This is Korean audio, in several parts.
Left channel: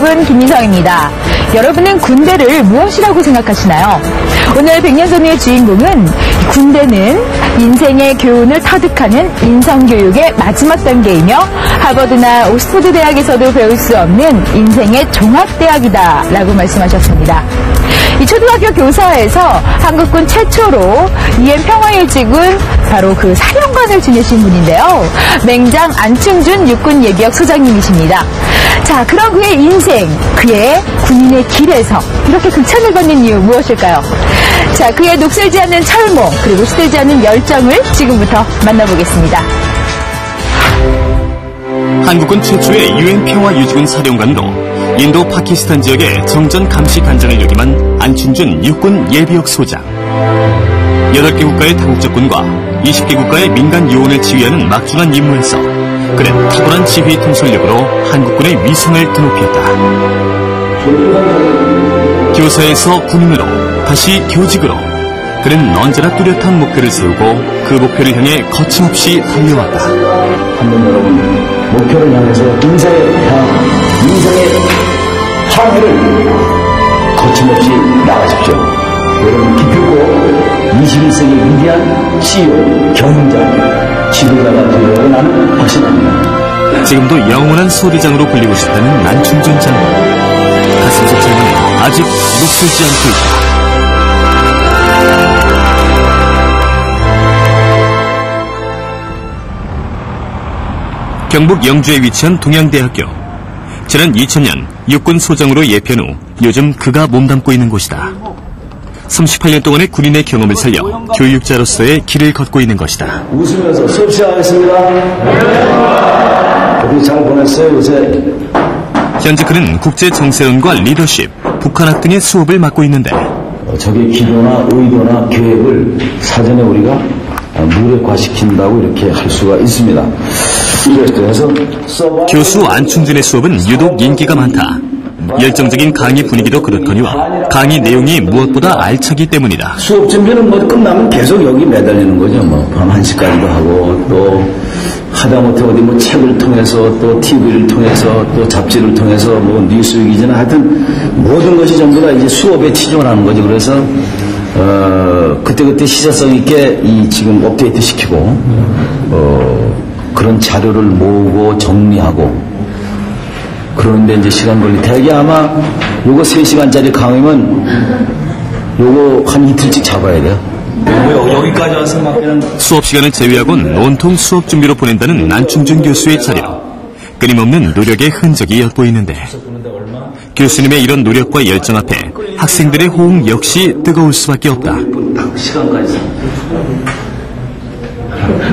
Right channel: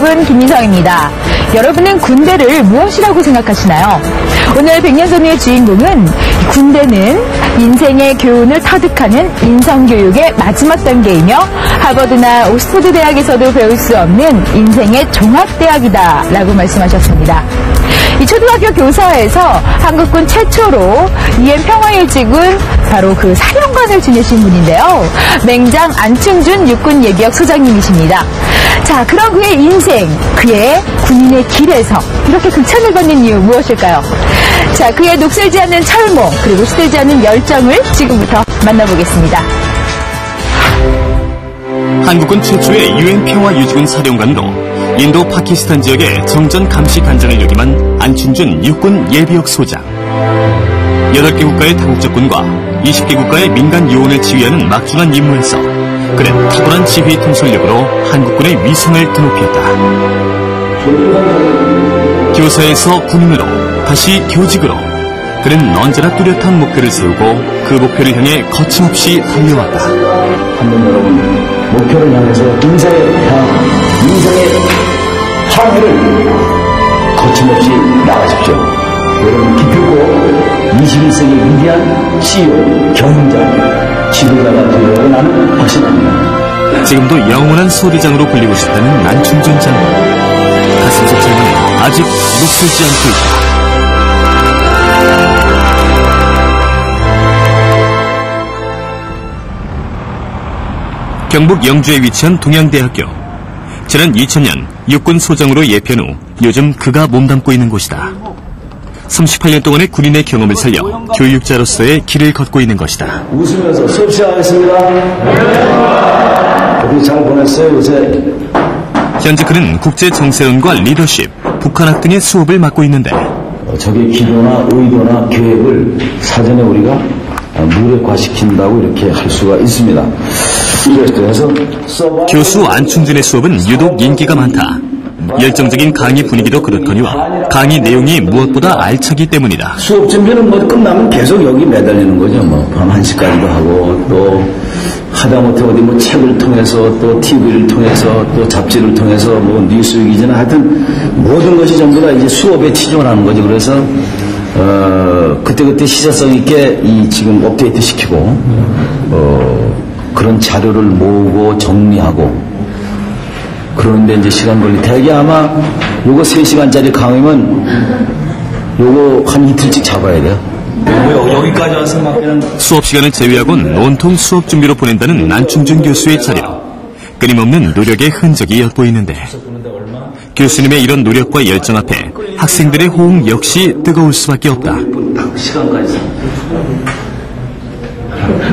여러분, 김민성입니다. 여러분은 군대를 무엇이라고 생각하시나요? 오늘 백년전우의 주인공은 군대는 인생의 교훈을 터득하는 인성교육의 마지막 단계이며 하버드나 옥스퍼드 대학에서도 배울 수 없는 인생의 종합대학이다 라고 말씀하셨습니다. 이 초등학교 교사에서 한국군 최초로 UN 평화일지군 바로 그 사령관을 지내신 분인데요. 맹장 안충준 육군 예비역 소장님이십니다. 자, 그런 그의 인생, 그의 군인의 길에서 이렇게 극찬을 받는 이유 무엇일까요? 자, 그의 녹슬지 않는 철모, 그리고 시들지 않는 열정을 지금부터 만나보겠습니다. 한국군 최초의 UN 평화유지군 사령관으로 인도 파키스탄 지역의 정전 감시 단장을 역임한 안충준 육군 예비역 소장. 8개 국가의 다국적군과 20개 국가의 민간 요원을 지휘하는 막중한 임무에서 그는 탁월한 지휘 통솔력으로 한국군의 위상을 드높였다. 교사에서 군인으로 다시 교직으로 그는 언제나 뚜렷한 목표를 세우고 그 목표를 향해 거침없이 달려왔다. 한번 여러분 목표를 향해서 인생의 항해를 거침없이 나가십시오. 여러분 기필코 21세기 위대한 CEO, 경영자, 지도자가 되려고 나는 확신합니다. 지금도 영원한 소대장으로 불리고 싶다는 안충준 장군. 가슴속 질문에 아직 녹슬지 않고 있다. 경북 영주에 위치한 동양대학교. 지난 2000년 육군 소장으로 예편 후 요즘 그가 몸담고 있는 곳이다. 38년 동안의 군인의 경험을 살려 교육자로서의 길을 걷고 있는 것이다. 웃으면서 수업 시작하겠습니다. 어떻게 잘 보냈어요 요새? 현재 그는 국제정세론과 리더십, 북한학 등의 수업을 맡고 있는데 적의 기도나 의도나 계획을 사전에 우리가 무력화시킨다고 이렇게 할 수가 있습니다. 그래서 교수 안충준의 수업은 유독 인기가 많다. 열정적인 강의 분위기도 그렇거니와 강의 내용이 무엇보다 알차기 때문이다. 수업 준비는 뭐 끝나면 계속 여기 매달리는 거죠. 뭐 밤 1시까지도 하고 또 하다못해 어디 뭐 책을 통해서 또 TV를 통해서 또 잡지를 통해서 뭐 뉴스위기지나 하여튼 모든 것이 전부 다 이제 수업에 치중하는 거죠. 그래서 그때그때 시사성 있게 이 지금 업데이트 시키고 그런 자료를 모으고 정리하고 그러는데 이제 시간 걸리 대개 아마 요거 3시간짜리 강의면 요거 한 이틀씩 잡아야 돼요. 여기까지 와서 맡기는 수업 시간을 제외하곤 온통 수업 준비로 보낸다는 안충준 교수의 자리로 끊임없는 노력의 흔적이 엿보이는데 교수님의 이런 노력과 열정 앞에 학생들의 호응 역시 뜨거울 수밖에 없다. 시간까지.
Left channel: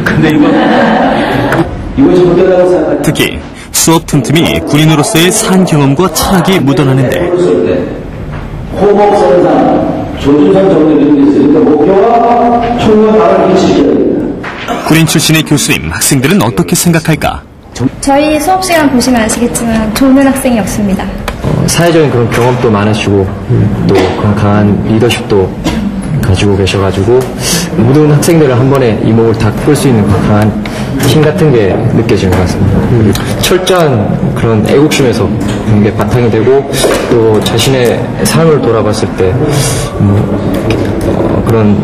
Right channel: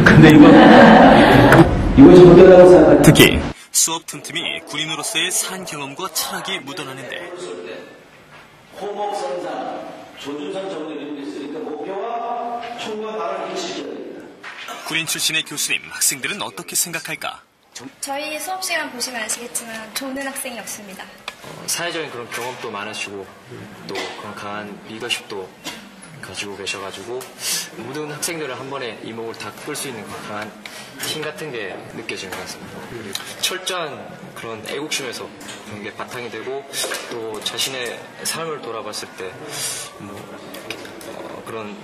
근데 이거 좀 못하다고 생각하냐? 특히 수업 틈틈이 군인으로서의 산 경험과 철학이 묻어나는데 호흡 쓰는 사람, 조준선 정도는 있으니까 목표와 총명 바람을 일치시켜야 됩니다. 군인 출신의 교수님, 학생들은 어떻게 생각할까? 저희 수업 시간 보시면 아시겠지만 좋은 학생이 없습니다. 사회적인 그런 경험도 많으시고 또 그런 강한 리더십도 가지고 계셔가지고 모든 학생들을 한 번에 이목을 다 끌 수 있는 강한 힘 같은 게 느껴지는 것 같습니다. 철저한 그런 애국심에서 그런 게 바탕이 되고 또 자신의 삶을 돌아봤을 때 그런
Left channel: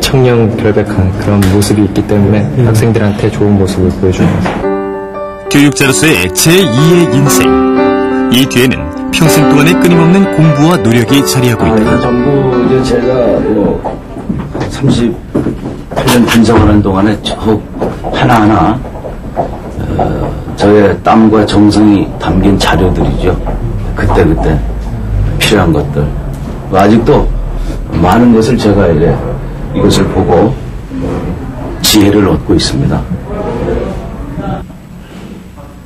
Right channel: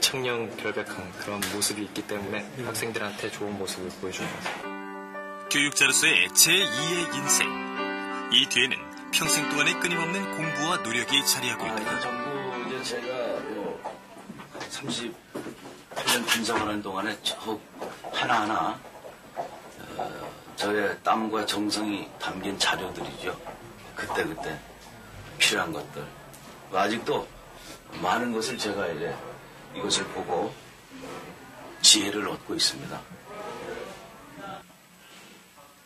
청렴결백한 그런 모습이 있기 때문에 학생들한테 좋은 모습을 보여주는 것 같습니다. 교육자로서의 제2의 인생. 이 뒤에는 평생 동안의 끊임없는 공부와 노력이 자리하고 있다. 전부 이제 제가 뭐 38년 군생활하는 동안에 하나하나 저의 땀과 정성이 담긴 자료들이죠. 그때그때 필요한 것들. 아직도 많은 것을 제가 이제 이것을 보고 지혜를 얻고 있습니다.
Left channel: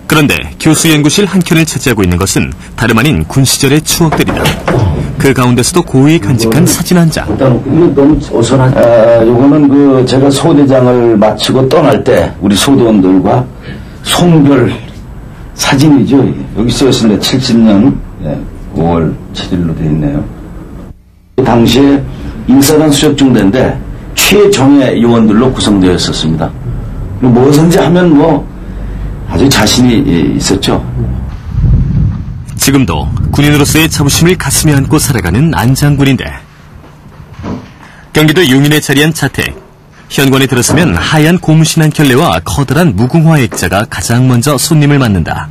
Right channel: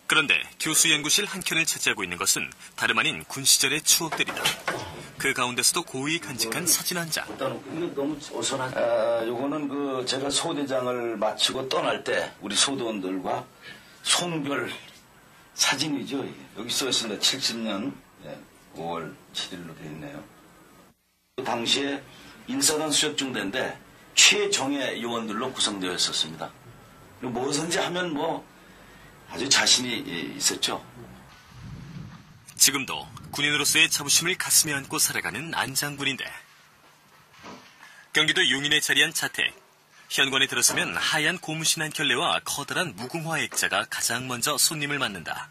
그런데 교수 연구실 한켠을 차지하고 있는 것은 다름 아닌 군 시절의 추억들이다. 그 가운데서도 고이 간직한 사진 한 장. 이거 너무 어선한. 요거는 그 제가 소대장을 마치고 떠날 때 우리 소대원들과 송별 사진이죠. 여기 써 있습니다. 70년 5월 7일로 되어 있네요. 당시에 인사단 수역중대인데 최정예 요원들로 구성되어 있었습니다. 뭐든지 하면 뭐 아주 자신이 있었죠. 지금도 군인으로서의 자부심을 가슴에 안고 살아가는 안 장군인데 경기도 용인에 자리한 자택. 현관에 들어서면 하얀 고무신 한 켤레와 커다란 무궁화 액자가 가장 먼저 손님을 맞는다.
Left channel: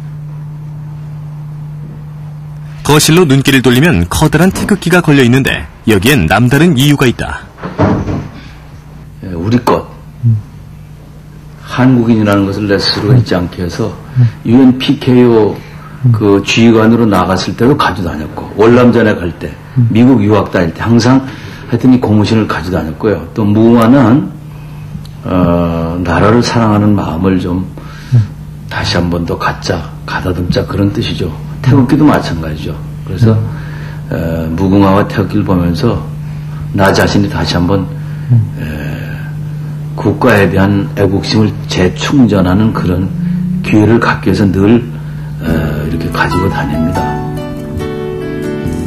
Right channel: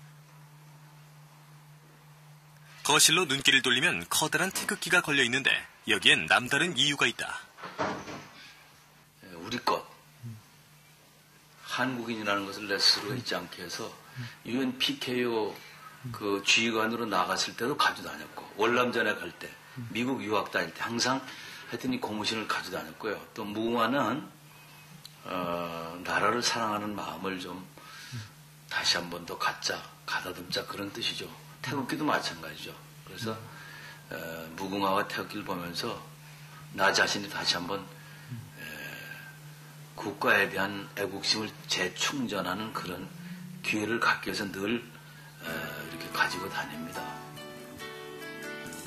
거실로 눈길을 돌리면 커다란 태극기가 걸려있는데 여기엔 남다른 이유가 있다. 우리 것. 한국인이라는 것을 내 스스로가 잊지 않게 해서 UN PKO 그 지휘관으로 나갔을 때도 가지고 다녔고 월남전에 갈 때 미국 유학 다닐 때 항상 하여튼 이 고무신을 가지고 다녔고요. 또 무궁화는 나라를 사랑하는 마음을 좀 다시 한 번 더 가다듬자 그런 뜻이죠. 태극기도 마찬가지죠. 그래서 무궁화와 태극기를 보면서 나 자신이 다시 한번 국가에 대한 애국심을 재충전하는 그런 기회를 갖기 위해서 늘 이렇게 가지고 다닙니다.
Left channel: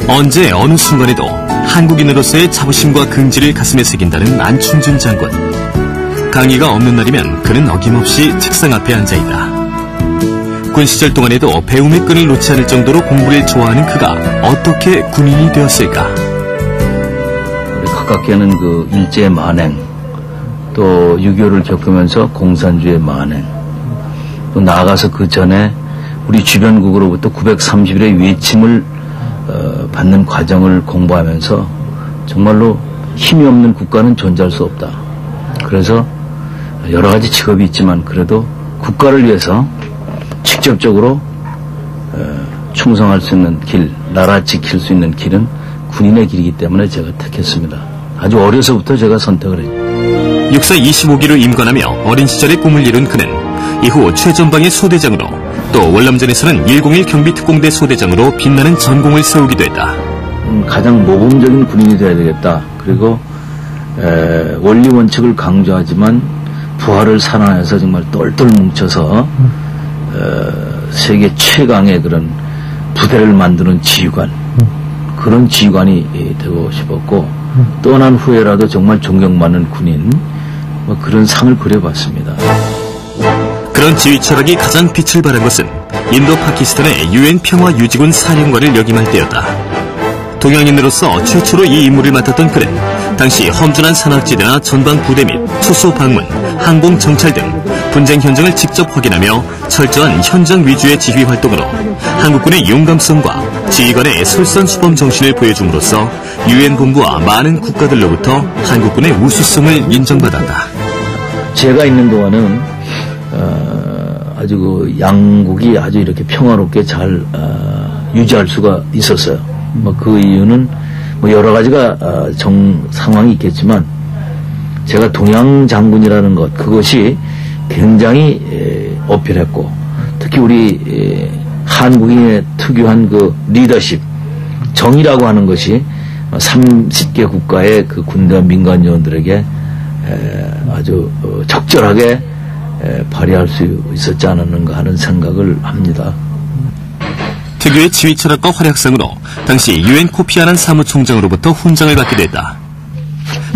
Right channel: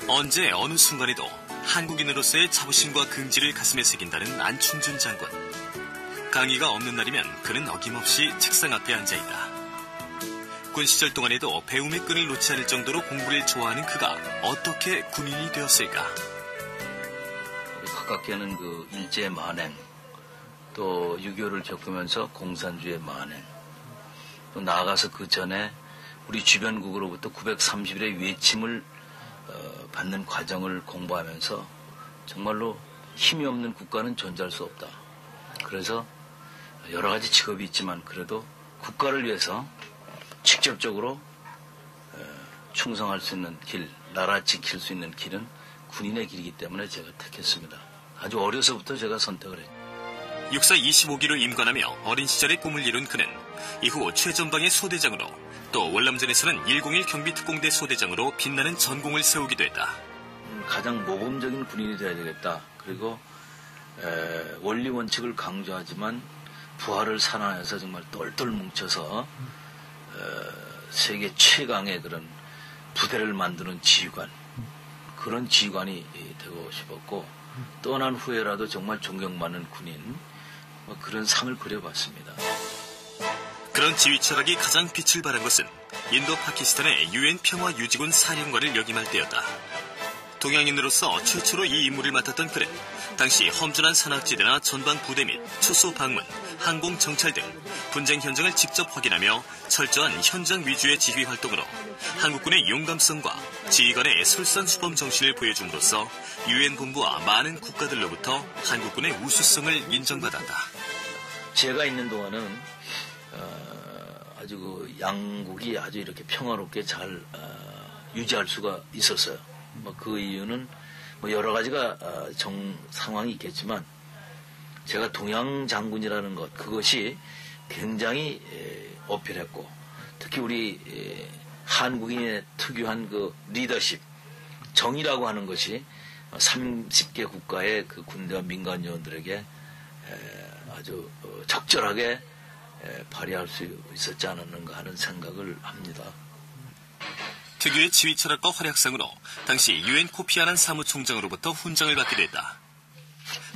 언제 어느 순간에도 한국인으로서의 자부심과 긍지를 가슴에 새긴다는 안충준 장군. 강의가 없는 날이면 그는 어김없이 책상 앞에 앉아있다. 군 시절 동안에도 배움의 끈을 놓지 않을 정도로 공부를 좋아하는 그가 어떻게 군인이 되었을까? 가깝게는 그 일제의 만행, 또 6.25를 겪으면서 공산주의 만행, 또 나아가서 그 전에 우리 주변국으로부터 930일의 외침을 받는 과정을 공부하면서 정말로 힘이 없는 국가는 존재할 수 없다. 그래서 여러 가지 직업이 있지만 그래도 국가를 위해서 직접적으로 충성할 수 있는 길, 나라 지킬 수 있는 길은 군인의 길이기 때문에 제가 택했습니다. 아주 어려서부터 제가 선택을 했죠. 육사 25기로 임관하며 어린 시절의 꿈을 이룬 그는 이후 최전방의 소대장으로 또 월남전에서는 101 경비특공대 소대장으로 빛나는 전공을 세우기도 했다. 가장 모범적인 군인이 돼야 되겠다. 그리고 원리 원칙을 강조하지만 부하를 산하에서 정말 똘똘 뭉쳐서 세계 최강의 그런 부대를 만드는 지휘관, 그런 지휘관이 되고 싶었고 떠난 후에라도 정말 존경받는 군인, 뭐 그런 상을 그려봤습니다. 그런 지휘 철학이 가장 빛을 발한 것은 인도 파키스탄의 UN 평화유지군 사령관을 역임할 때였다. 동양인으로서 최초로 이 임무를 맡았던 그는 당시 험준한 산악지대나 전방 부대 및 초소 방문, 항공 정찰 등 분쟁 현장을 직접 확인하며 철저한 현장 위주의 지휘 활동으로 한국군의 용감성과 지휘관의 솔선수범 정신을 보여줌으로써 UN 본부와 많은 국가들로부터 한국군의 우수성을 인정받았다. 제가 있는 동안은 아주 그 양국이 아주 이렇게 평화롭게 잘 유지할 수가 있었어요. 뭐 그 이유는 뭐 여러 가지가 상황이 있겠지만 제가 동양 장군이라는 것, 그것이 굉장히 어필했고 특히 우리 한국인의 특유한 그 리더십, 정의라고 하는 것이 30개 국가의 그 군대와 민간 요원들에게 아주 적절하게 발휘할 수 있었지 않았는가 하는 생각을 합니다. 특유의 지휘 철학과 활약상으로 당시 UN 코피 아난 사무총장으로부터 훈장을 받기도 했다.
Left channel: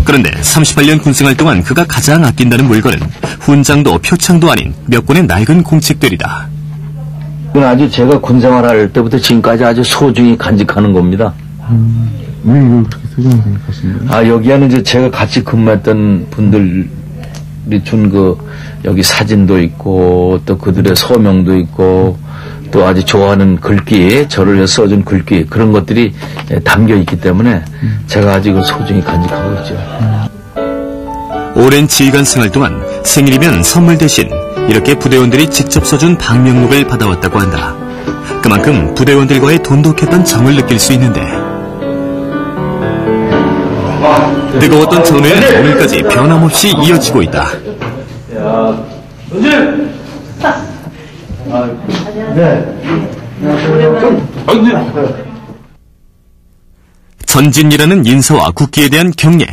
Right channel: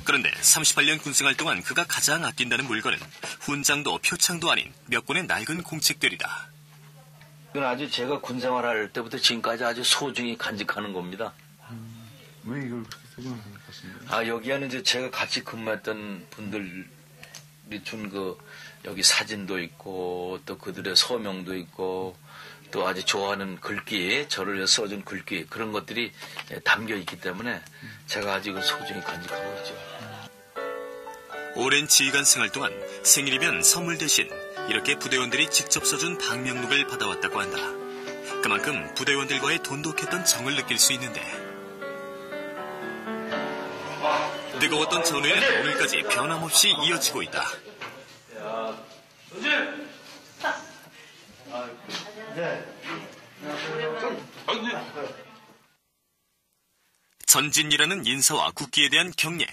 그런데 38년 군생활 동안 그가 가장 아낀다는 물건은 훈장도 표창도 아닌 몇 권의 낡은 공책들이다. 이건 아주 제가 군생활할 때부터 지금까지 아주 소중히 간직하는 겁니다. 왜 이걸 그렇게 소중히 생각하십니까? 여기에는 이제 제가 같이 근무했던 분들이 준 여기 사진도 있고 또 그들의 서명도 있고 또 아주 좋아하는 글귀, 저를 위해 써준 글귀, 그런 것들이 담겨 있기 때문에 제가 아주 이걸 소중히 간직하고 있죠. 오랜 지휘관 생활 동안 생일이면 선물 대신 이렇게 부대원들이 직접 써준 방명록을 받아왔다고 한다. 그만큼 부대원들과의 돈독했던 정을 느낄 수 있는데 뜨거웠던 전우회는 오늘까지 변함없이 이어지고 있다. 전진이라는 인사와 국기에 대한 경례,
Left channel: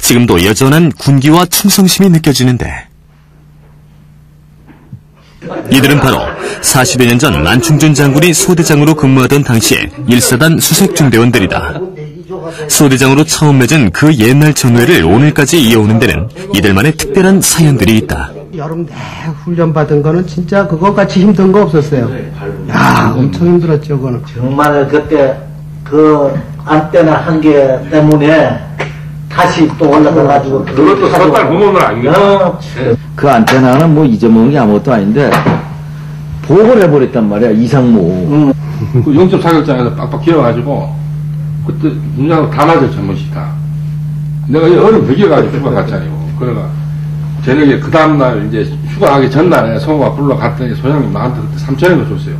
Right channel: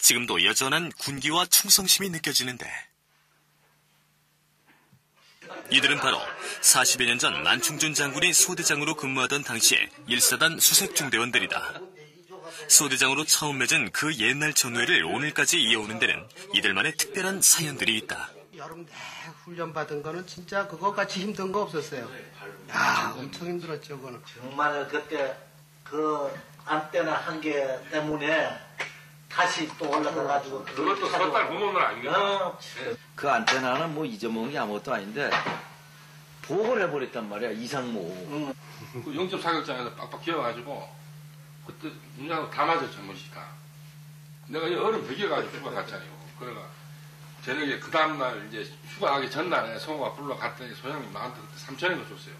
지금도 여전한 군기와 충성심이 느껴지는데 이들은 바로 40여 년 전 안충준 장군이 소대장으로 근무하던 당시의 1사단 수색중대원들이다. 소대장으로 처음 맺은 그 옛날 전우회를 오늘까지 이어오는 데는 이들만의 특별한 사연들이 있다. 여름 내 훈련 받은 거는 진짜 그거 같이 힘든 거 없었어요. 야, 엄청 힘들었죠, 그거는. 정말 그때 그 안테나 한 개 때문에 다시 또 올라가가지고 그것도 섣달 구멍은 아니겠죠. 그 안테나는 뭐 잊어먹은 게 아무것도 아닌데 보고를 해버렸단 말이야, 이상무. 그 영접 자격장에서 빡빡 기어가지고 그때 문장으로 다 맞아 전문식 다. 내가 이 얼음 베겨가지고 휴가 갔잖아요. 그래가 저녁에 그 다음날 이제 휴가 가기 전날에 성우가 불러갔더니 소장님 나한테 그때 3,000원을 줬어요.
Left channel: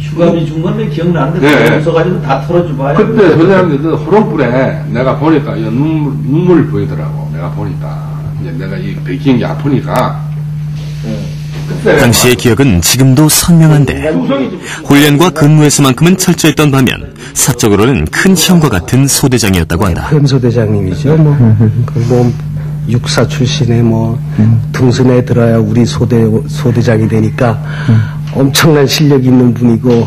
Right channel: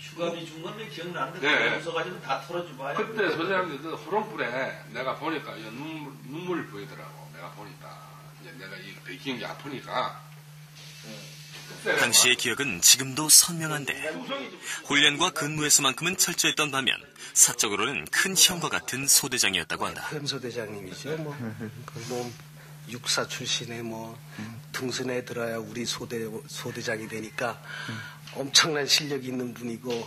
휴가비 준 건 왜 기억나는데 네. 웃어가지고 다 털어주고 하냐. 그때 소장님들 호롱불에 내가 보니까 이 눈물이 보이더라고. 내가 보니까 이제 내가 이 베끼는 게 아프니까. 당시의 기억은 지금도 선명한데 훈련과 근무에서만큼은 철저했던 반면 사적으로는 큰 형과 같은 소대장이었다고 한다. 소대장님이죠. 뭐 육사 출신의 뭐 등선에 들어야 우리 소대장이 되니까 엄청난 실력이 있는 분이고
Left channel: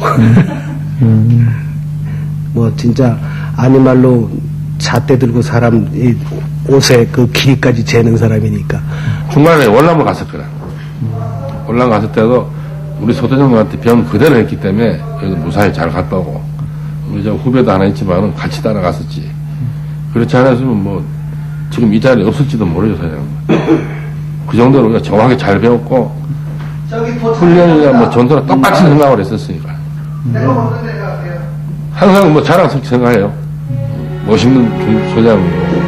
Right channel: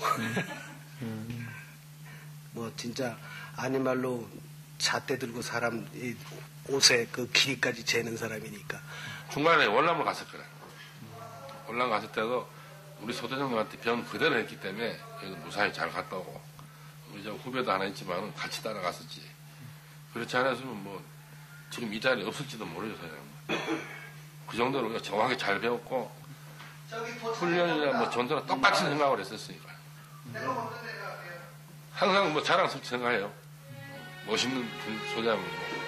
뭐 진짜 아니말로 잣대 들고 사람 이 옷에 그 길이까지 재는 사람이니까. 중간에 월남을 갔었거든. 월남 갔을 때도 우리 소대장님한테 병 그대로 했기 때문에 여기도 무사히 잘 갔다 오고 우리 저 후배도 하나 있지만은 같이 따라갔었지. 그렇지 않았으면 뭐 지금 이 자리에 없을지도 모르죠, 소장님. 그 정도로 우리가 정확하게 잘 배웠고 훈련이나 뭐 전투나 똑같이 생각을 했었으니까. 항상 뭐 자랑스럽게 생각해요. 멋있는 소장이고.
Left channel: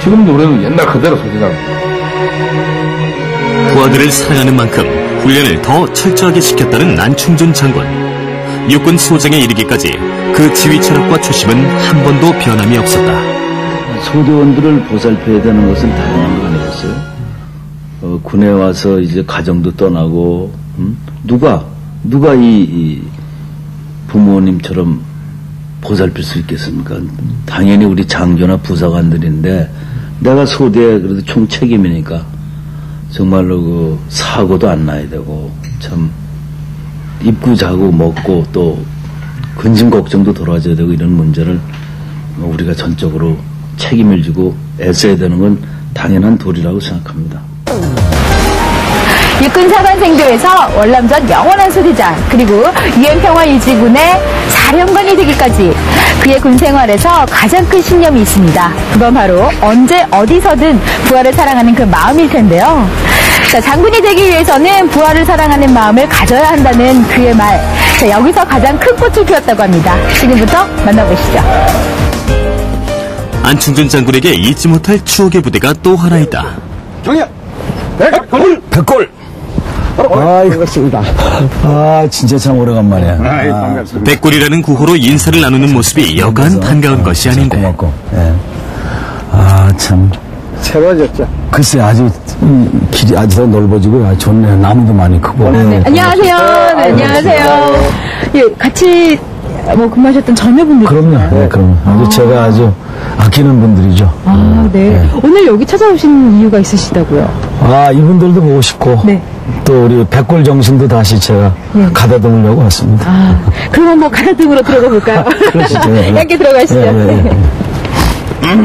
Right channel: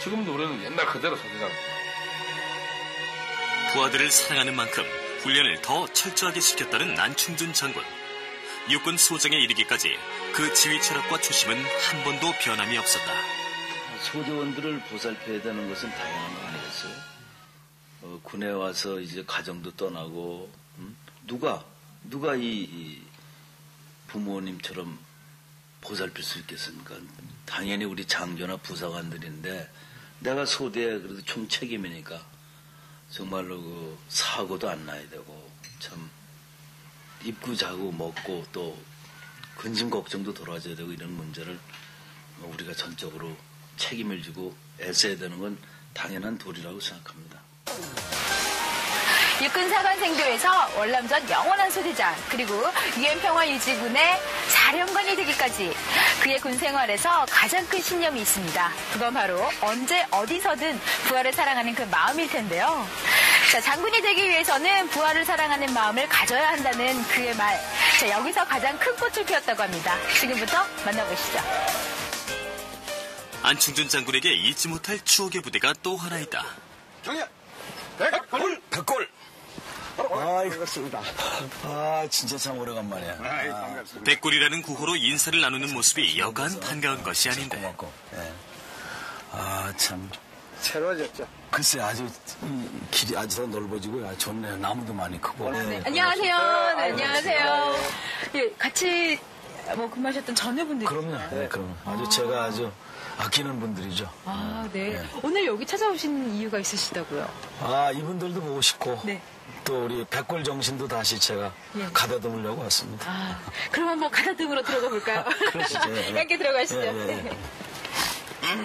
지금도 우리는 옛날 그대로 소장입니다. 부하들을 사랑하는 만큼 훈련을 더 철저하게 시켰다는 안충준 장군. 육군 소장에 이르기까지 그 지휘 철학과 초심은 한 번도 변함이 없었다. 소대원들을 보살펴야 되는 것은 당연한 거 아니겠어요? 군에 와서 이제 가정도 떠나고, 누가 이 부모님처럼 보살필 수 있겠습니까? 당연히 우리 장교나 부사관들인데, 내가 소대에 그래도 총책임이니까, 정말로 그 사고도 안 나야 되고, 참, 입고 자고 먹고 또 근심 걱정도 덜어줘야 되고 이런 문제를 우리가 전적으로 책임을 지고 애써야 되는 건 당연한 도리라고 생각합니다. 육군사관생도에서 월남전 영원한 소대장, 그리고 유엔평화유지군의 사령관이 되기까지 그의 군생활에서 가장 큰 신념이 있습니다. 그건 바로 언제 어디서든 부하를 사랑하는 그 마음일 텐데요. 자, 장군이 되기 위해서는 부하를 사랑하는 마음을 가져야 한다는 그의 말. 자, 여기서 가장 큰 꽃을 피웠다고 합니다. 지금부터 만나보시죠. 안충준 장군에게 잊지 못할 추억의 부대가 또 하나 있다. 정예! 백골! 반갑습니다. 진짜 참 오래간만이야. 반갑습니다. 백골이라는 구호로 인사를 나누는 모습이 여간 반가운 것이 아닌데. 고맙고. 예. 참. 새로워졌죠. 글쎄, 아주, 길이 아주 더 넓어지고, 좋네요. 나무도 많이 크고. 네. 안녕하세요. 네, 안녕하세요. 예, 같이 근무하셨던 전여분들. 그럼요. 네, 그럼요. 아주 제가 아주 아끼는 분들이죠. 네. 오늘 여기 찾아오신 이유가 있으시다고요? 이분들도 보고 싶고. 네. 또 우리 백골 정신도 다시 제가 가다듬으려고 왔습니다. 그럼 한번 가다듬으러 들어가 볼까요? 그러시죠. 함께 들어가시죠.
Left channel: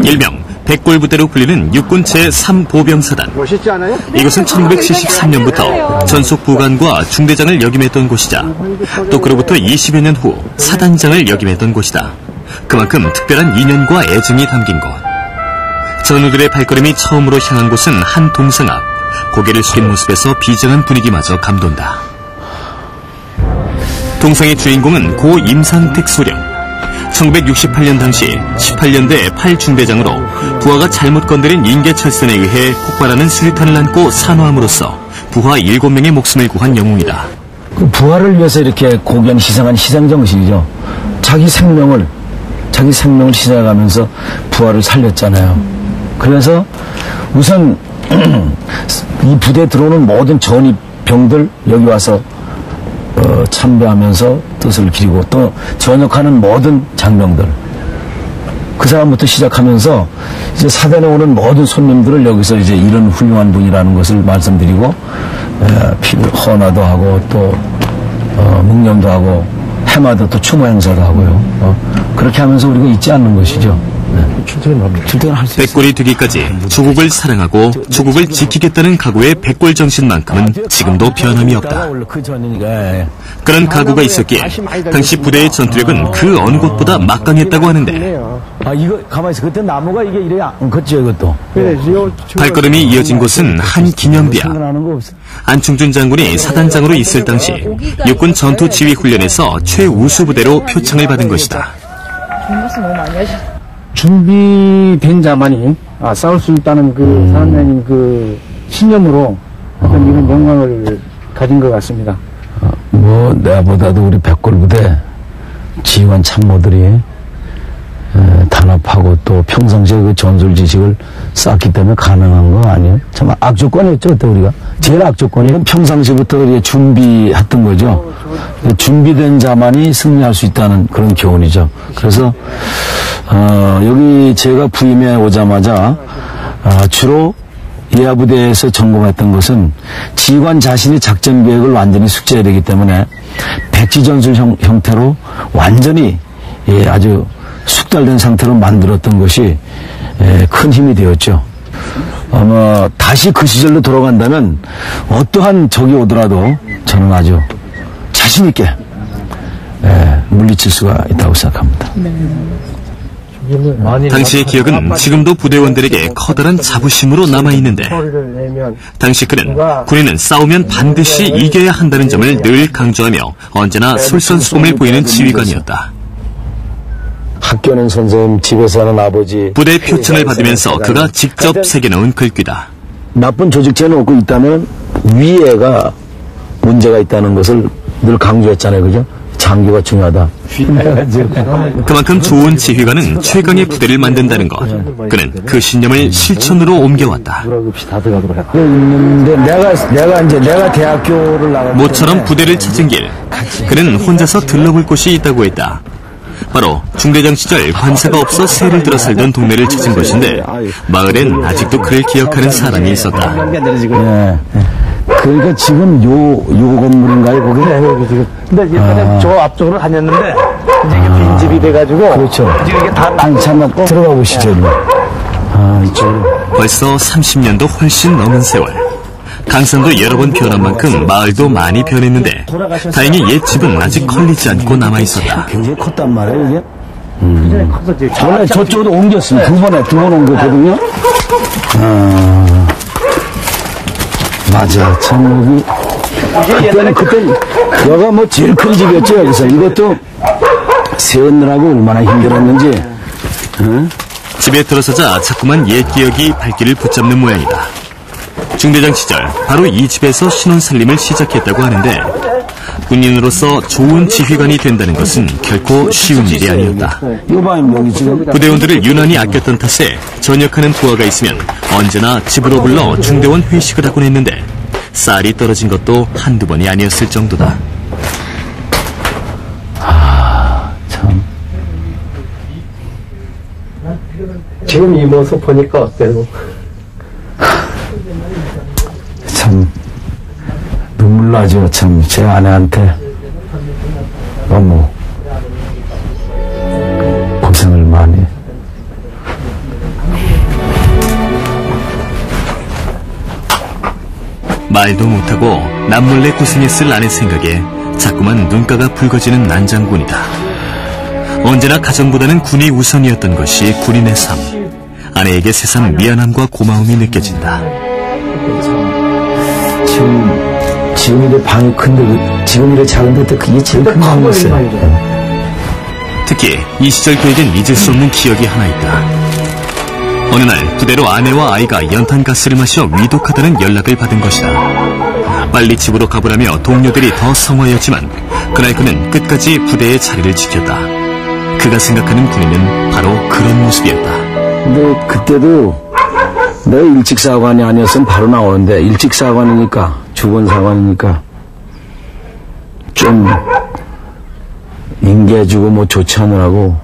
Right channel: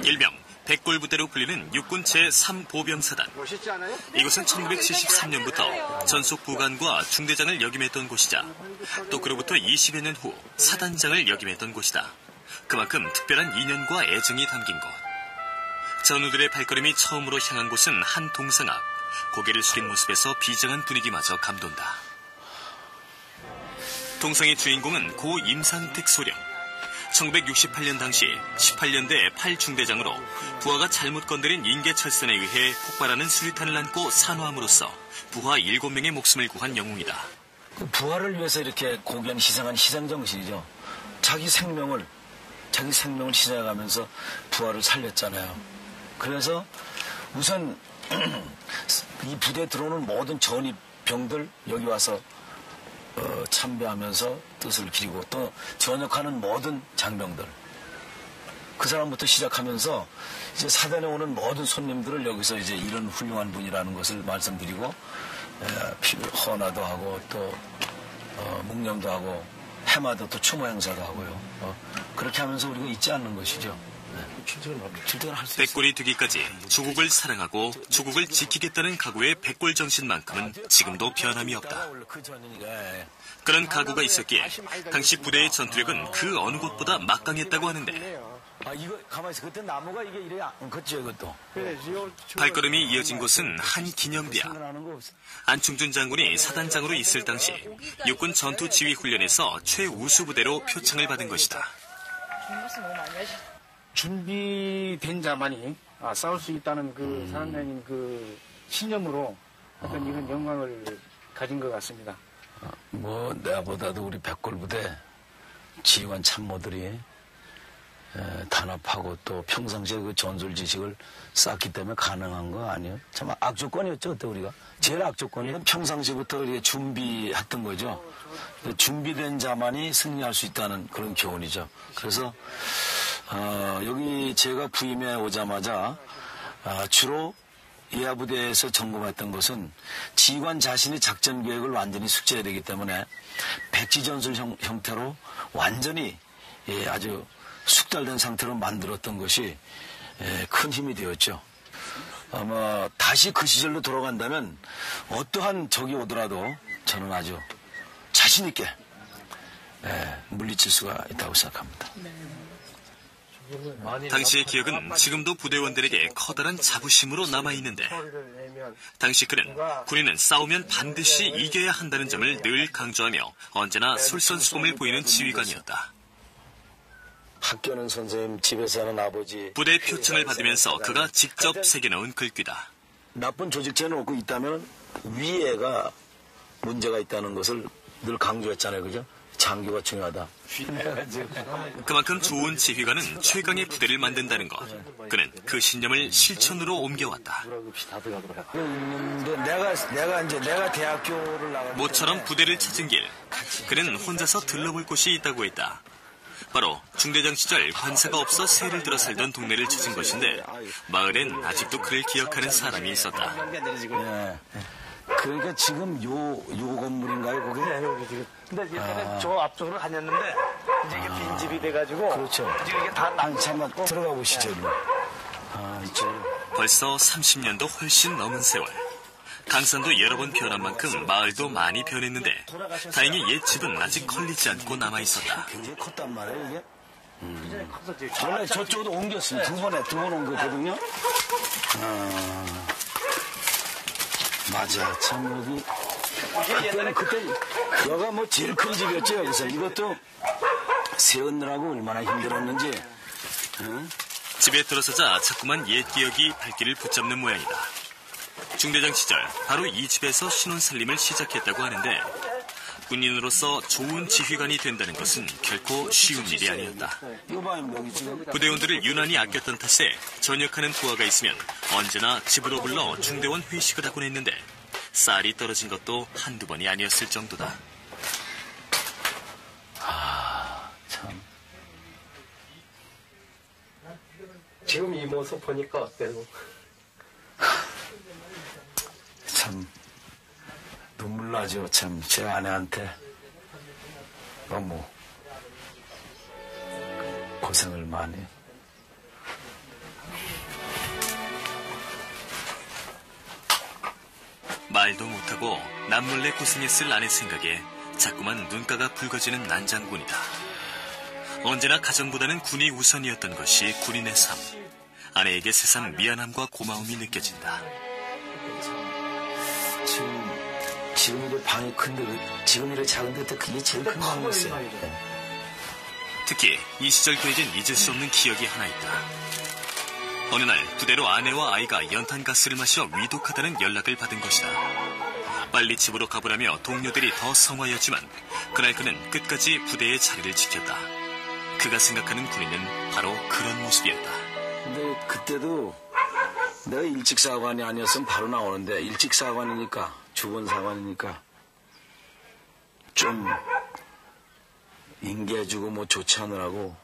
일명 백골부대로 불리는 육군 제3보병사단. 멋있지 않아요? 이곳은 1973년부터 전속 부관과 중대장을 역임했던 곳이자 또 그로부터 20여 년 후 사단장을 역임했던 곳이다. 그만큼 특별한 인연과 애정이 담긴 곳. 전우들의 발걸음이 처음으로 향한 곳은 한 동상 앞. 고개를 숙인 모습에서 비장한 분위기마저 감돈다. 동상의 주인공은 고 임상택 소령. 1968년 당시 18년대 8중대장으로 부하가 잘못 건드린 인계철선에 의해 폭발하는 수류탄을 안고 산화함으로써 부하 7명의 목숨을 구한 영웅이다. 그 부하를 위해서 이렇게 고견 희생한 희생정신이죠. 자기 생명을 희생해가면서 부하를 살렸잖아요. 그래서 우선 이 부대에 들어오는 모든 전입병들 여기 와서 참배하면서 뜻을 기리고 또 전역하는 모든 장병들 그 사람부터 시작하면서 이제 사단에 오는 모든 손님들을 여기서 이제 이런 훌륭한 분이라는 것을 말씀드리고 헌화도 하고 또 묵념도 하고 해마다 또 추모 행사도 하고요. 그렇게 하면서 우리가 잊지 않는 것이죠. 출퇴근할 수 있어요. 백골이 되기까지 조국을 사랑하고 조국을 지키겠다는 각오의 백골 정신만큼은 지금도 변함이 없다. 그 전이니까. 그런 각오가 있었기에 당시 부대의 전투력은 그 어느 곳보다 막강했다고 하는데 이거 가만히 있어. 그때 나무가 이게 이래 안 컸죠, 이것도. 발걸음이 이어진 곳은 한 기념비야. 안충준 장군이 사단장으로 있을 당시 육군 전투지휘훈련에서 최우수 부대로 표창을 받은 것이다. 준비된 자만이 싸울 수 있다는 그 사람의 그 신념으로 어떤 이런 영광을 가진 것 같습니다. 내가보다도 우리 백골부대 지휘관 참모들이 단합하고 또 평상시에 그 전술 지식을 쌓기 때문에 가능한 거 아니에요? 참 악조건이었죠, 그때 우리가. 제일 악조건이 평상시부터 우리가 준비했던 거죠. 준비된 자만이 승리할 수 있다는 그런 교훈이죠. 그래서 여기 제가 부임해 오자마자 주로 예하부대에서 점검했던 것은 지휘관 자신이 작전 계획을 완전히 숙지해야 되기 때문에 백지전술 형태로 완전히 아주 숙달된 상태로 만들었던 것이 큰 힘이 되었죠. 아마 다시 그 시절로 돌아간다면 어떠한 적이 오더라도 저는 아주 자신 있게 물리칠 수가 있다고 생각합니다. 당시의 기억은 지금도 부대원들에게 커다란 자부심으로 남아있는데 당시 그는 군인은 싸우면 반드시 이겨야 한다는 점을 늘 강조하며 언제나 솔선수범을 보이는 지휘관이었다. 학교는 선생님, 집에서 하는 아버지. 부대 표창을 받으면서 그가 직접 새겨놓은 글귀다. 나쁜 조직체는 없고 있다면 위에가 문제가 있다는 것을 늘 강조했잖아요, 그죠? 장교가 중요하다. 그만큼 좋은 지휘관은 최강의 부대를 만든다는 것. 그는 그 신념을 실천으로 옮겨왔다. 있는데 내가 대학교를 나갈 모처럼 부대를 찾은 길. 그는 혼자서 들러볼 곳이 있다고 했다. 바로 중대장 시절 관사가 없어 새를 들어 살던 동네를 찾은 것인데 마을엔 아직도 그를 기억하는 사람이 있었다. 네. 그러니까 지금 요 건물인가요, 거기? 네, 여기 지금. 근데 이제 저 앞쪽으로 다녔는데 이제 이게 빈집이 돼가지고. 그렇죠. 지금 이게 다 잠깐 들어가 보시죠, 일로. 이쪽. 벌써 30년도 훨씬 넘은 세월. 강산도 여러 번 변한 만큼 마을도 많이 변했는데 다행히 옛 집은 아직 컬리지 않고 남아있었다. 굉장히 컸단 말이에요, 이게? 원래 저쪽으로 옮겼습니다. 두 번 옮겼거든요. 맞아. 참, 그때, 여가 뭐 제일 큰 집이었죠, 여기서. 이것도 세웠느라고 얼마나 힘들었는지. 집에 들어서자 자꾸만 옛 기억이 발길을 붙잡는 모양이다. 중대장 시절 바로 이 집에서 신혼살림을 시작했다고 하는데 군인으로서 좋은 지휘관이 된다는 것은 결코 쉬운 일이 아니었다. 부대원들을 유난히 아꼈던 탓에 전역하는 부하가 있으면 언제나 집으로 불러 중대원 회식을 하곤 했는데 쌀이 떨어진 것도 한두 번이 아니었을 정도다. 참. 지금 이 모습 보니까 어때요? 참 눈물 나죠. 참 제 아내한테 너무 고생을 많이. 말도 못하고 남몰래 고생했을 아내 생각에 자꾸만 눈가가 붉어지는 난장군이다. 언제나 가정보다는 군이 우선이었던 것이 군인의 삶. 아내에게 새삼 미안함과 고마움이 느껴진다. 지금 이래 방이 큰데 지금 이래 작은데 그게 제일 큰 방이었어요. 특히 이 시절 그에겐 잊을 수 없는 기억이 하나 있다. 어느 날 부대로 아내와 아이가 연탄가스를 마셔 위독하다는 연락을 받은 것이다. 빨리 집으로 가보라며 동료들이 더 성화였지만 그날 그는 끝까지 부대의 자리를 지켰다. 그가 생각하는 군인은 바로 그런 모습이었다. 근데 그때도 내가 일찍 사관이 아니었으면 바로 나오는데 일찍 사관이니까 주번 사관이니까 좀 인계해주고 뭐 좋지 않으라고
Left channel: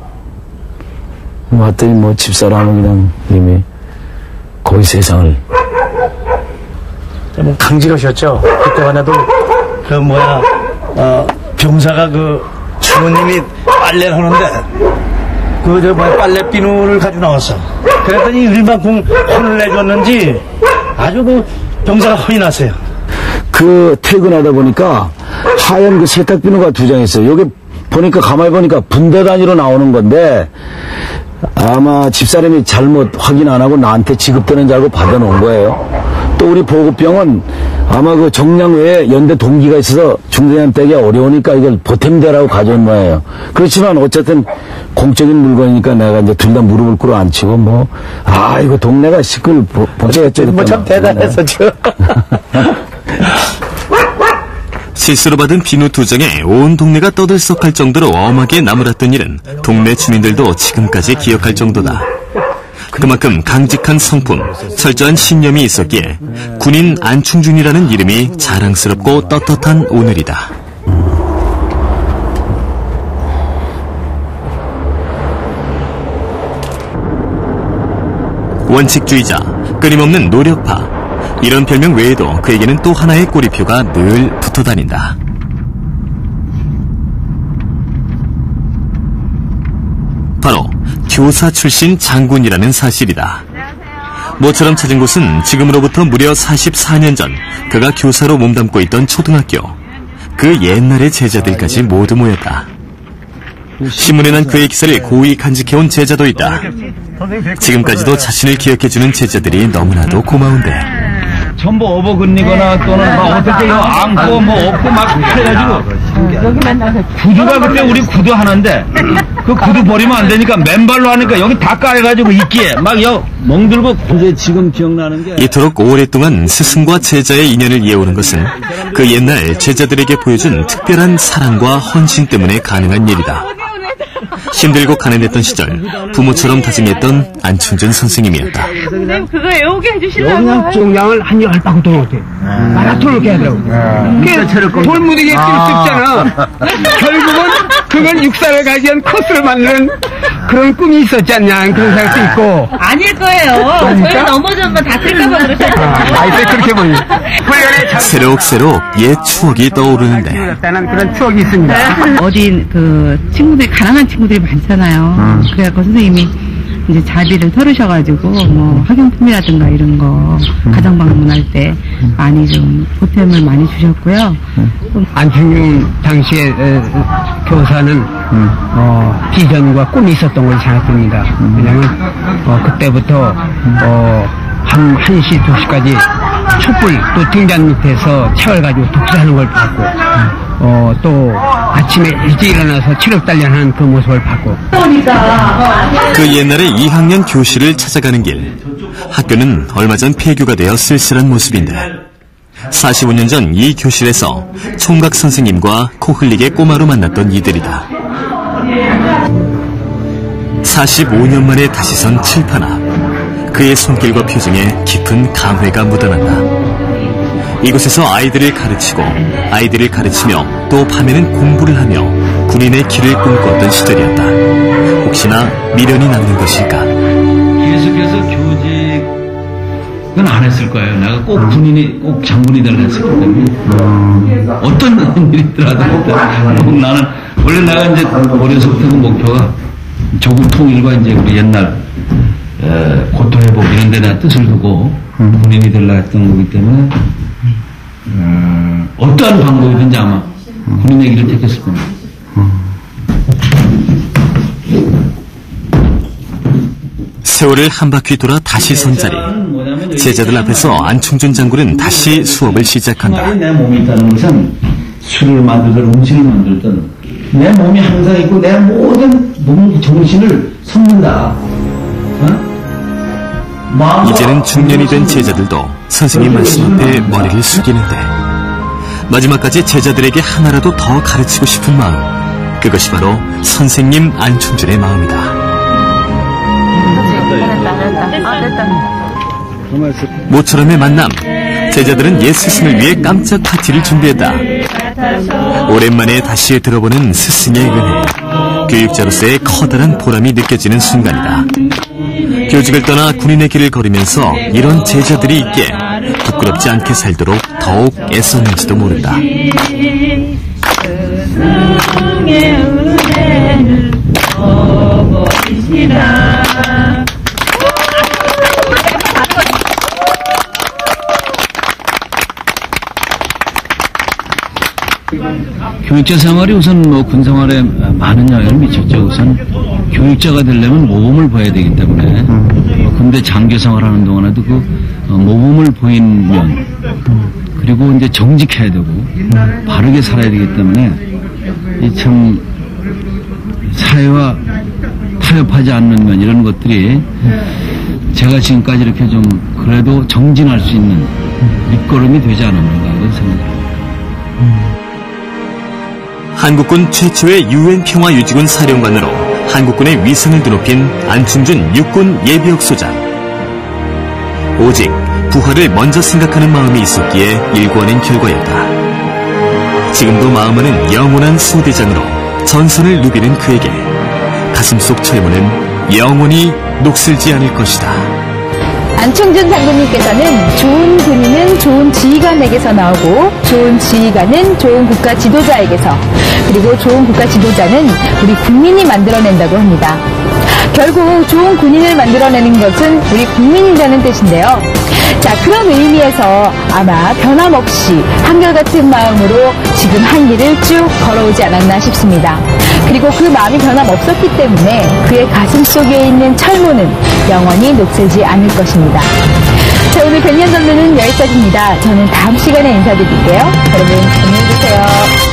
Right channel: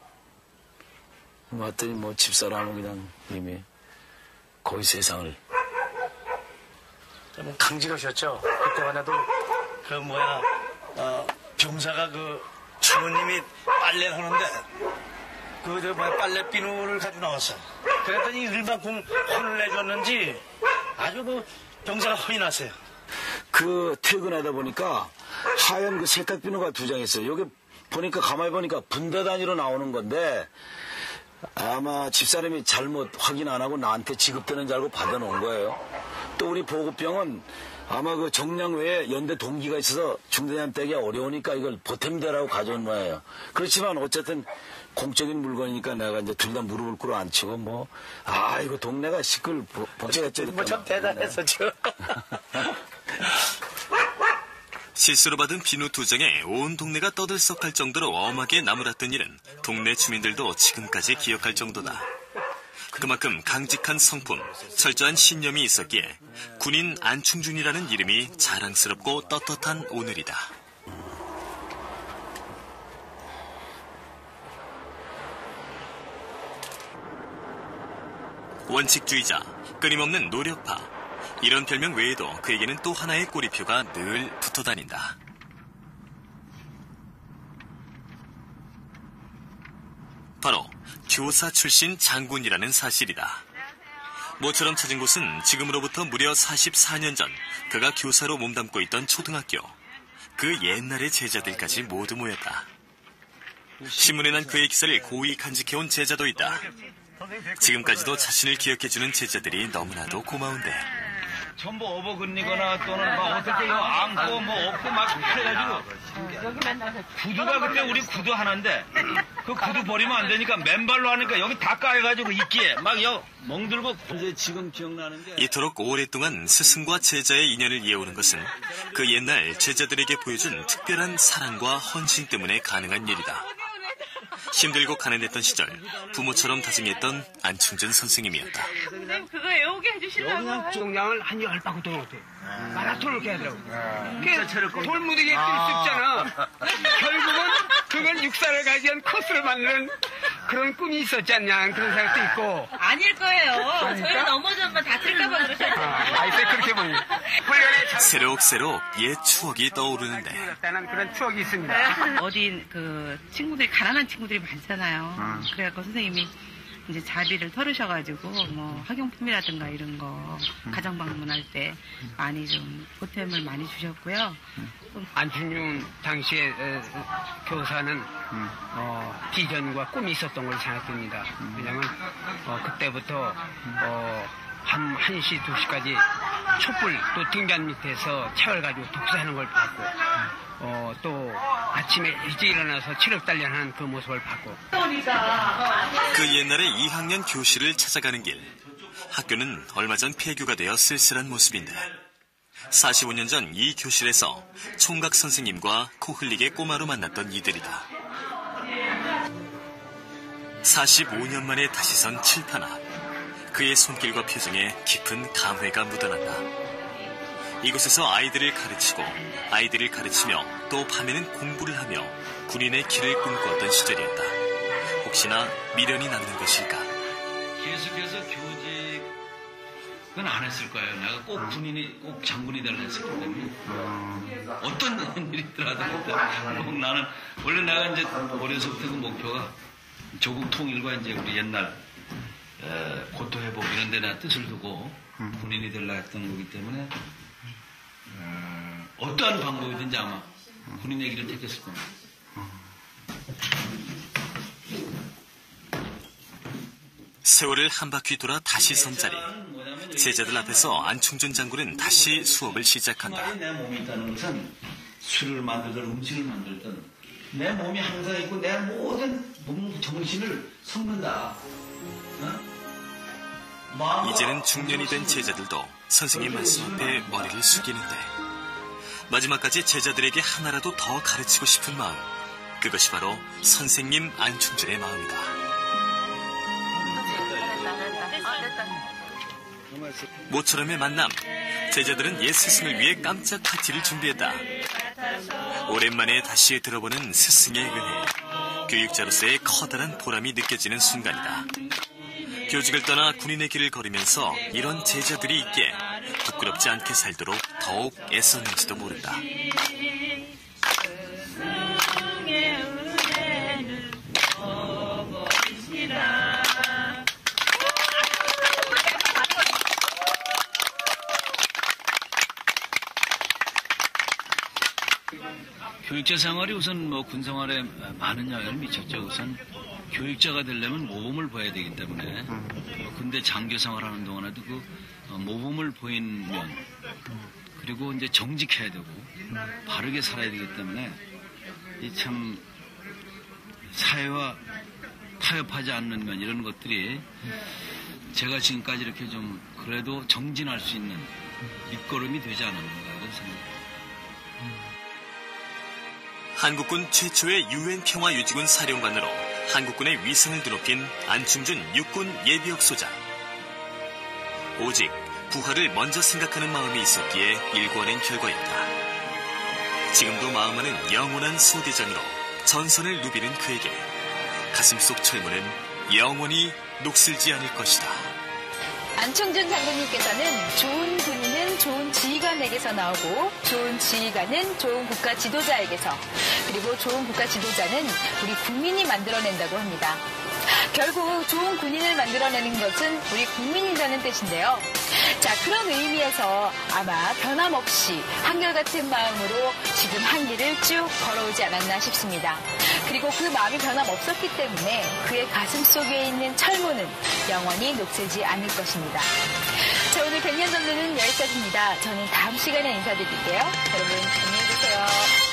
왔더니 뭐 집사람은 그냥 이미 거의 세상을 강직하셨죠. 그때만 해도 병사가 그 주부님이 빨래를 하는데 빨래 비누를 가지고 나왔어. 그랬더니 일만큼 혼을 내줬는지 아주 병사가 혼이 났어요. 퇴근하다 보니까 하얀 세탁 비누가 2장 있어요. 여기 보니까 가만히 보니까 분대 단위로 나오는 건데 아마 집사람이 잘못 확인 안 하고 나한테 지급되는 줄 알고 받아놓은 거예요. 또 우리 보급병은 아마 정량 외에 연대 동기가 있어서 중대장 떼기 어려우니까 이걸 보탬대라고 가져온 거예요. 그렇지만 어쨌든 공적인 물건이니까 내가 이제 둘 다 무릎을 꿇어 앉히고 이거 동네가 시끌 복잡했죠. 참 대단했었죠. 실수로 받은 비누 2장에 온 동네가 떠들썩할 정도로 엄하게 나무랐던 일은 동네 주민들도 지금까지 기억할 정도다. 그만큼 강직한 성품, 철저한 신념이 있었기에 군인 안충준이라는 이름이 자랑스럽고 떳떳한 오늘이다. 원칙주의자, 끊임없는 노력파. 이런 별명 외에도 그에게는 또 하나의 꼬리표가 늘 붙어다닌다. 바로 교사 출신 장군이라는 사실이다. 모처럼 찾은 곳은 지금으로부터 무려 44년 전 그가 교사로 몸담고 있던 초등학교. 그 옛날의 제자들까지 모두 모였다. 신문에 난 그의 기사를 고이 간직해온 제자도 있다. 지금까지도 자신을 기억해주는 제자들이 너무나도 고마운데. 전부 업어근리거나 또는 어떻게 안고 업고 막 해가지고 구두가 그때 우리 구두 하나인데 그 구두 버리면 안 되니까 맨발로 하니까 여기 다 까여가지고 있기에 막 멍들고. 이제 지금 기억나는 게 이토록 오랫동안 스승과 제자의 인연을 이어오는 것은 그 옛날 제자들에게 보여준 특별한 사랑과 헌신 때문에 가능한 일이다. 힘들고 가난했던 시절 부모처럼 다짐했던 안충준 선생님이었다. 선생님 그거 애우게 해주시려고. 그냥 종량을 한 10바퀴 돌아오대. 마라톤을 해야 되라고. 돌무지개 뛸 수 있잖아. 결국은 그건 육사를 가지한 코스를 만드는 그런 꿈이 있었지 않냐, 그런 생각도 있고. 아닐 거예요. 저희 넘어져면 다칠까봐 그러셨잖아요. 그렇게 보니. 새록새록 옛 추억이 떠오르는데. 그런 추억이 있습니다. 어디 친구들, 가난한 친구들이 많잖아요. 그래갖고 선생님이 이제 자비를 털으셔가지고 학용품이라든가 이런 거 가정 방문할 때 많이 좀 보탬을 많이 주셨고요. 안충준 당시에 교사는 비전과 꿈이 있었던 걸 생각합니다. 왜냐하면 그때부터 한 1시, 2시까지 촛불 또 등잔 밑에서 책을 가지고 독서하는 걸 봤고 또 아침에 일찍 일어나서 체력 단련하는 그 모습을 봤고. 그 옛날에 2학년 교실을 찾아가는 길. 학교는 얼마 전 폐교가 되어 쓸쓸한 모습인데 45년 전 이 교실에서 총각 선생님과 코 흘리게 꼬마로 만났던 이들이다. 45년 만에 다시 선 칠판 앞. 그의 손길과 표정에 깊은 감회가 묻어난다. 이곳에서 아이들을 가르치고 아이들을 가르치며 또 밤에는 공부를 하며 군인의 길을 꿈꿨던 시절이었다. 혹시나 미련이 남는 것일까? 계속해서 교직은 안 했을 거예요. 내가 꼭 군인이, 꼭 장군이 되려 했었기 때문에 어떤 일이 있더라도 나는 원래 내가 이제 어려서부터 그 목표가 조국 통일과 이제 우리 옛날 고통 회복 이런 데 내가 뜻을 두고 군인이 되려 했던 거기 때문에 어떠한 방법이든지 아마 군인의 길을 택했을 겁니다. 세월을 한 바퀴 돌아 다시 선 자리. 제자들 앞에서 안충준 장군은 다시 수업을 시작한다. 내 몸이 있다는 것은 술을 만들든 음식을 만들든 내 몸이 항상 있고 내 모든 몸 정신을 섞는다. 이제는 중년이 된 제자들도 선생님 말씀 앞에 머리를 숙이는데 마지막까지 제자들에게 하나라도 더 가르치고 싶은 마음, 그것이 바로 선생님 안충준의 마음이다. 모처럼의 만남, 제자들은 옛 스승을 위해 깜짝 파티를 준비했다. 오랜만에 다시 들어보는 스승의 은혜, 교육자로서의 커다란 보람이 느껴지는 순간이다. 교직을 떠나 군인의 길을 걸으면서 이런 제자들이 있기에 부끄럽지 않게 살도록 더욱 애썼는지도 모른다. 어버이시라. 교육자 생활이 우선 뭐 군생활에 많은 영향을 미쳤죠. 우선 교육자가 되려면 모범을 보여야 되기 때문에 군대 장교 생활하는 동안에도 그 모범을 보인 면 그리고 이제 정직해야 되고 바르게 살아야 되기 때문에 이 참 사회와 타협하지 않는 면 이런 것들이 제가 지금까지 이렇게 좀 그래도 정진할 수 있는 밑거름이 되지 않았는가 이런 생각입니다. 한국군 최초의 유엔 평화유지군 사령관으로 한국군의 위상을 드높인 안충준 육군 예비역 소장. 오직 부하를 먼저 생각하는 마음이 있었기에 일궈낸 결과였다. 지금도 마음은 영원한 소대장으로 전선을 누비는 그에게 가슴속 철문은 영원히 녹슬지 않을 것이다. 안충준 장군님께서는 좋은 군인은 좋은 지휘관에게서 나오고 좋은 지휘관은 좋은 국가 지도자에게서 그리고 좋은 국가 지도자는 우리 국민이 만들어낸다고 합니다. 결국 좋은 군인을 만들어내는 것은 우리 국민이라는 뜻인데요. 자, 그런 의미에서 아마 변함없이 한결같은 마음으로 지금 한 길을 쭉 걸어오지 않았나 싶습니다. 그리고 그 마음이 변함없었기 때문에 그의 가슴 속에 있는 철문은 영원히 녹슬지 않을 것입니다. 자, 오늘 백년 전문은 여기까지입니다. 저는 다음 시간에 인사드릴게요. 여러분 안녕히 계세요.